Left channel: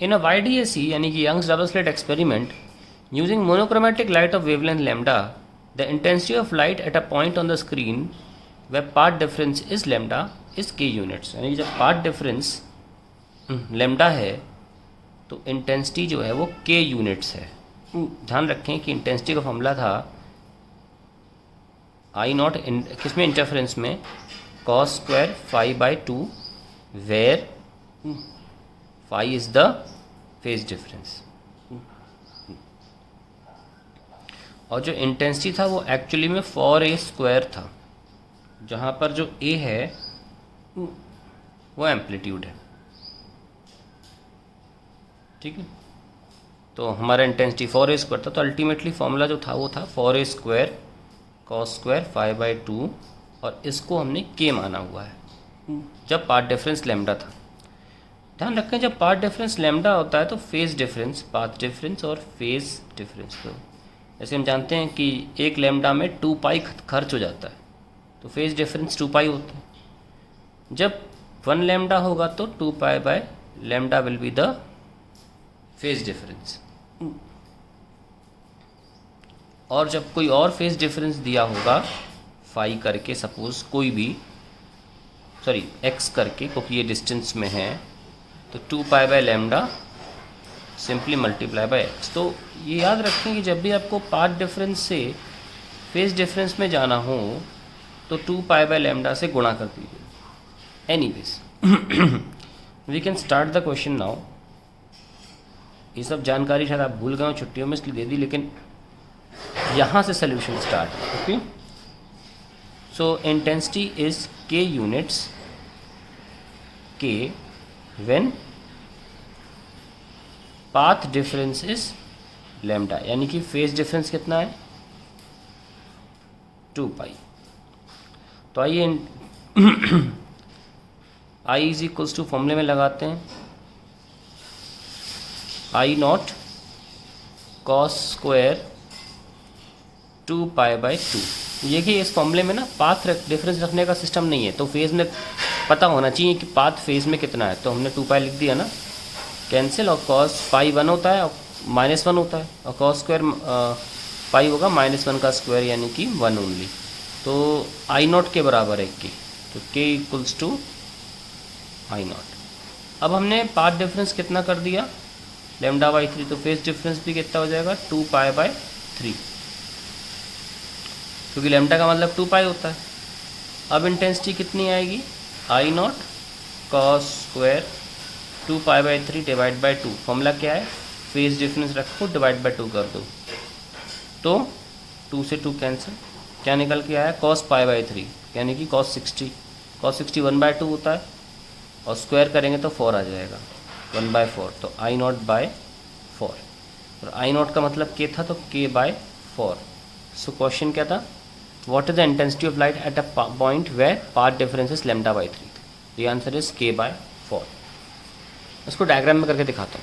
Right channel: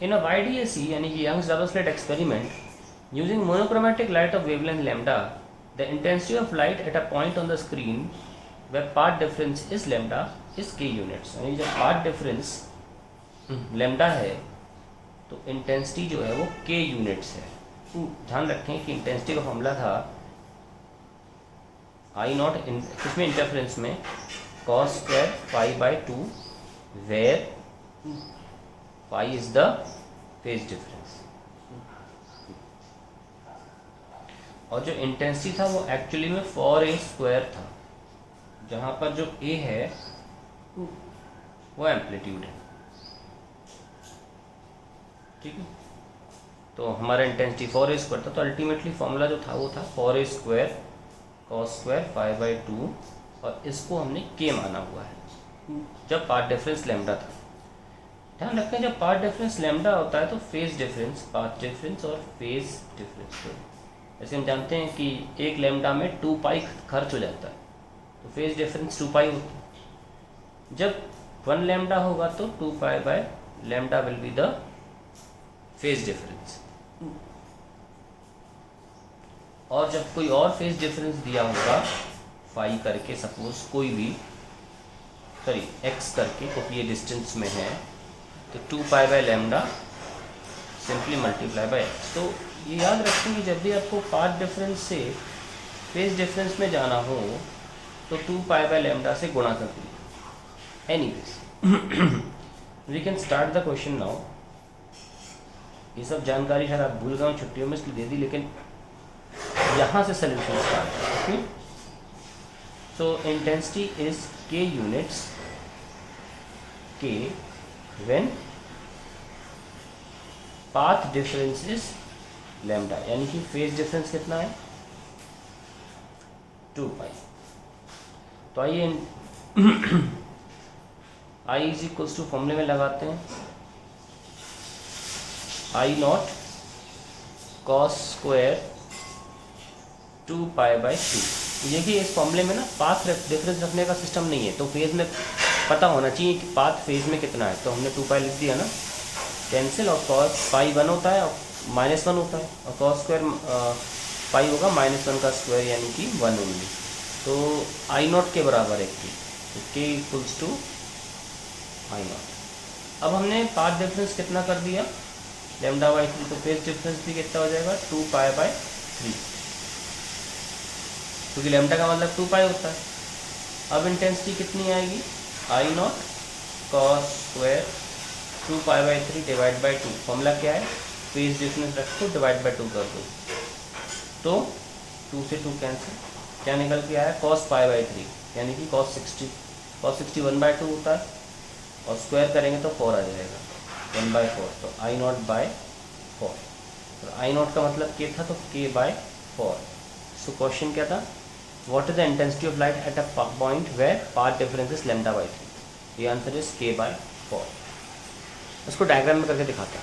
In a YDAC यानी कि Young's double slit experiment, using monochromatic light of wavelength lambda, the intensity of light at a point on the screen where path difference is lambda is k units. यानी जब path difference lambda है तो intensity जो है वो k units है. ध्यान रखें कि इंटेंसिटी का फॉर्मूला था आई नॉट किसमें इंटरफेरेंस में cos square phi by two where phi is the phase difference. और जो इंटेंसिटी था वो एक्चुअली में 4a स्क्वायर था, जहाँ पर जो a है वो एम्पलीट्यूड है. ठीक है, तो हमारा इंटेंसिटी 4a स्क्वायर था, तो अल्टीमेटली फॉर्मूला जो था वो था 4a square cos square phi by two, और इसको हमने k माना हुआ है जब पाथ डिफरेंस लैम्डा था. ध्यान रखें जब पाथ डिफरेंस लैम्डा होता है तो फेज डिफरेंस, पाथ डिफरेंस और फेज डिफरेंस को, जैसे हम जानते हैं कि एक लैम्डा में 2 पाई खर्च हो जाता है, तो फेज डिफरेंस 2 पाई होती है. जब 1 लैम्डा होगा तो 2 pi by lambda will be the phase difference. और जब कोई और फेज डिफरेंस दिया होगा फाई करके, सपोज कोई भी एक्स करके, क्योंकि ये डिस्टेंस में है, तो 2 pi by lambda simply multiply by x. तो ये याद रखें कि जब भी आपको पाथ डिफरेंस से फेज डिफरेंस में जाना हो तो 2 पाई बाय लैम्डा से गुणा कर दीजिए. Anyways we can start the question now. ये सब जानकारी शायद आप भूल गए हो छुट्टियों में, इसलिए दे दी, लेकिन यहाँ से solution start. Okay, so intensity is k units, k when path difference is lambda, यानी कि फेज डिफरेंस कितना है 2 पाई. तो आइए I इज इक्वल्स टू फॉर्मूले में लगाते हैं I naught cos square 2 pi by two. ये कि इस फॉर्मूले में ना पाथ डिफरेंस रखने का सिस्टम नहीं है, तो फेज में पता होना चाहिए कि पाथ फेज में कितना है, तो हमने 2 पाई लिख दिया ना, कैंसिल, और कॉस पाई 1 होता है और -1 होता है, और कॉस स्क्वायर पाई होगा -1 का स्क्वायर यानी कि 1 ओनली. तो आई नॉट के बराबर है k, तो k equals to I nought. अब हमने पाथ डिफरेंस कितना कर दिया लैम्डा बाई 3, तो फेज डिफरेंस भी कितना हो जाएगा 2 पाई बाई 3, क्योंकि लैम्डा का मतलब 2 पाई होता है. अब इंटेंसिटी कितनी आएगी I naught cos square 2 pi by 3 divide by 2. Formula क्या है, फेज डिफरेंस रखो डिवाइड बाई 2 कर दो, तो 2 से 2 कैंसिल, क्या निकल के आया कॉस पाई बाई 3 यानी कि कॉस 60. कॉस 60 1/2 होता है, और स्क्वायर करेंगे तो 4 आ जाएगा 1/4, तो आई नॉट बाय 4. तो आई नॉट का मतलब k था, तो k बाय 4. सो क्वेश्चन क्या था, what is the intensity of light at a point where path difference is lambda by 3. ये आंसर इज k बाय 4. उसको डायग्राम में करके दिखाता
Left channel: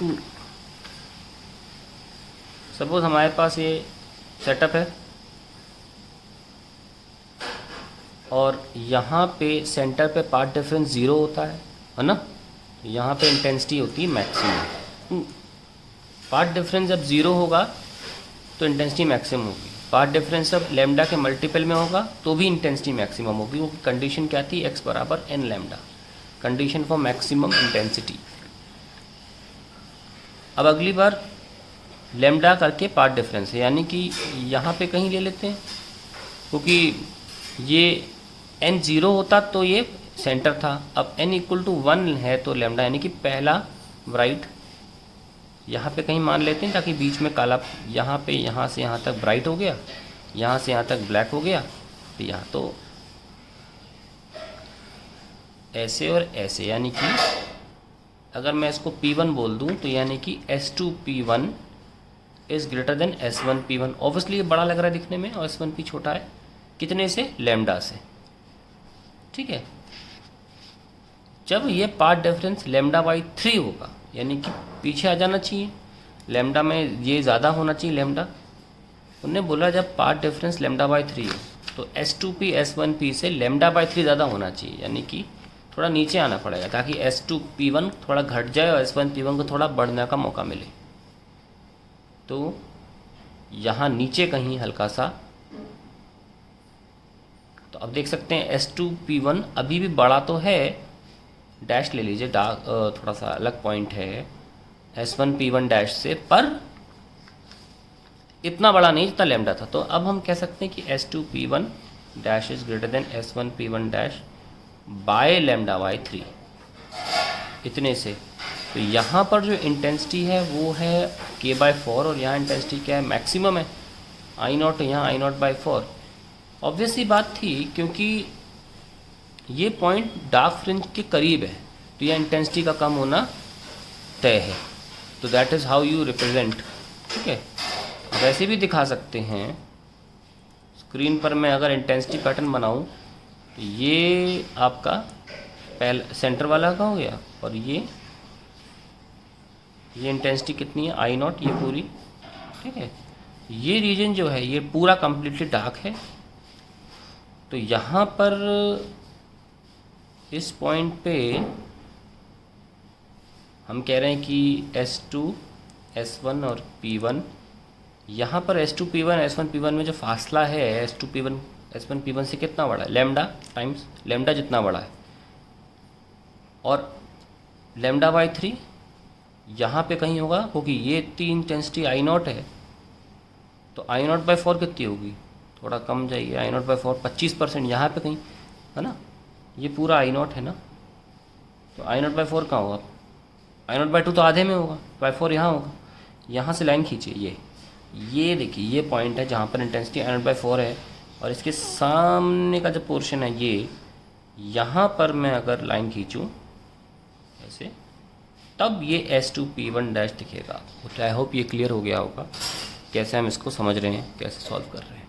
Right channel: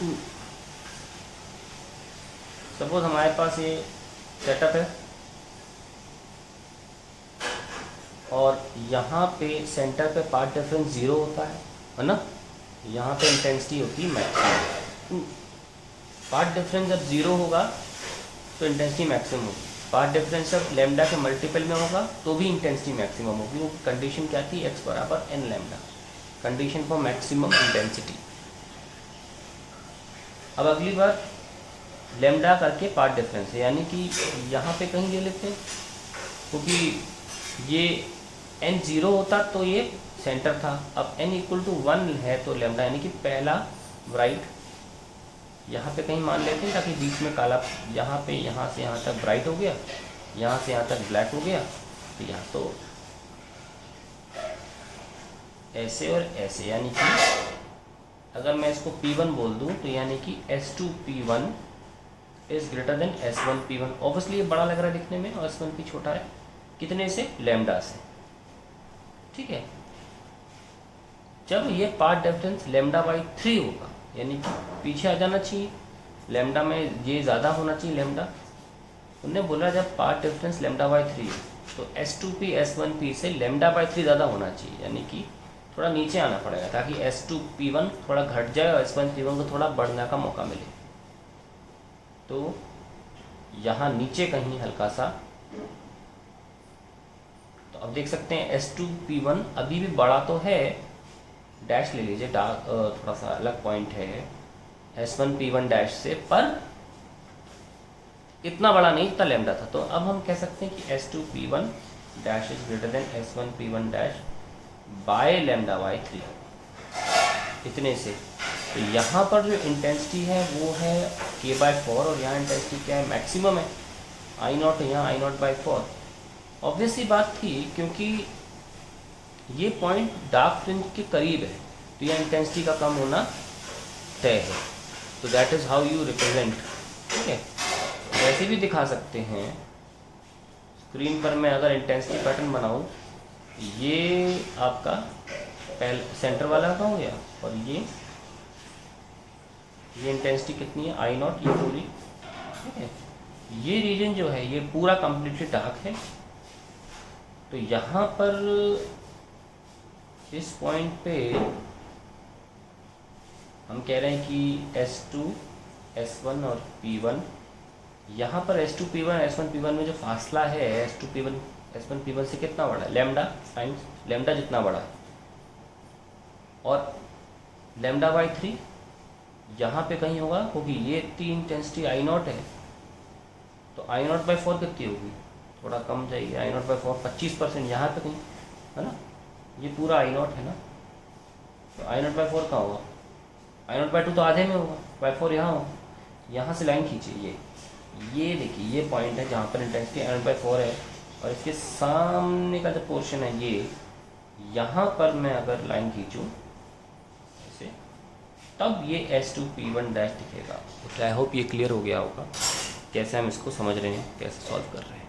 हूँ. सपोज हमारे पास ये सेटअप है और यहाँ पे सेंटर पे पाथ डिफरेंस 0 होता है ना, यहाँ पे इंटेंसिटी होती है मैक्सिमम. पाथ डिफरेंस जब 0 होगा तो इंटेंसिटी मैक्सिमम होगी, पाथ डिफरेंस जब लैम्डा के मल्टीपल में होगा तो भी इंटेंसिटी मैक्सिमम होगी. वो कंडीशन क्या थी, x बराबर n lambda, condition for maximum intensity. अब अगली बार लैम्डा करके पाथ डिफरेंस है, यानी कि यहाँ पे कहीं ले लेते हैं, क्योंकि ये n 0 होता तो ये सेंटर था, अब n इक्वल टू 1 है तो लैम्डा यानी कि पहला ब्राइट यहाँ पे कहीं मान लेते हैं, ताकि बीच में काला, यहाँ पे यहाँ से यहाँ तक ब्राइट हो गया, यहाँ से यहाँ तक ब्लैक हो गया, तो यहाँ तो ऐसे और ऐसे, यानी कि अगर मैं इसको P1 बोल दूँ तो यानी कि S2P1 is greater than S1P1. Obviously ये बड़ा लग रहा है दिखने में और S1P छोटा है, कितने से, लैम्डा से. ठीक है, जब ये पाथ डिफरेंस लैम्डा बाई 3 होगा यानी कि पीछे आ जाना चाहिए, लैम्डा में ये ज़्यादा होना चाहिए लैम्डा. उन्होंने बोला जब पाथ डिफरेंस लैम्डा बाई 3 है तो S2P S1P से लैम्डा बाई 3 ज़्यादा होना चाहिए, यानी कि थोड़ा नीचे आना पड़ेगा ताकि S2P1 थोड़ा घट जाए और S1P1 को थोड़ा बढ़ने का मौका मिले। तो यहाँ नीचे कहीं हल्का सा, तो अब देख सकते हैं S2P1 अभी भी बड़ा तो है, डैश ले लीजिए, थोड़ा सा अलग पॉइंट है S1P1 डैश से, पर इतना बड़ा नहीं जितना लैम्डा था। तो अब हम कह सकते हैं कि S2P1 dash is greater than S1P1 dash by lambda by 3, इतने से। तो यहाँ पर जो इंटेंसिटी है वो है K/4 और यहाँ इंटेंसिटी क्या है, मैक्सिमम है I0, यहाँ I0/4। ऑब्वियस सी बात थी क्योंकि ये पॉइंट डार्क फ्रिंज के करीब है, तो यह इंटेंसिटी का कम होना तय है। तो that is how you represent, ठीक है। वैसे भी दिखा सकते हैं स्क्रीन पर, मैं अगर इंटेंसिटी पैटर्न बनाऊं, ये आपका सेंटर वाला का हो गया, और ये इंटेंसिटी कितनी है I0, ये पूरी, ठीक है। ये रीजन जो है ये पूरा कम्प्लीटली डार्क है। तो यहाँ पर इस पॉइंट पे हम कह रहे हैं कि S2, S1 और P1, यहाँ पर S2P1 S1P1 में जो फासला है S2P1 S1P1 से कितना बड़ा है, लैम्डा टाइम्स लैम्डा जितना बड़ा है, और λ/3 यहाँ पे कहीं होगा, क्योंकि ये इतनी इंटेंसिटी I0 है, तो I0/4 कितनी होगी, थोड़ा कम जाइए, I0/4 25% यहाँ पे कहीं है ना, ये पूरा I0 है ना, तो I0/4 कहाँ होगा, I0/2 तो आधे में होगा, /4 यहाँ होगा। यहाँ से लाइन खींचिए, ये देखिए ये पॉइंट है जहाँ पर इंटेंसिटी I0/4 है, और इसके सामने का जो पोर्शन है ये, यहाँ पर मैं अगर लाइन खींचूँ ऐसे, तब ये S2P1 डैश दिखेगा। तो आई होप ये क्लियर हो गया होगा कैसे हम इसको समझ रहे हैं, कैसे सॉल्व कर रहे हैं।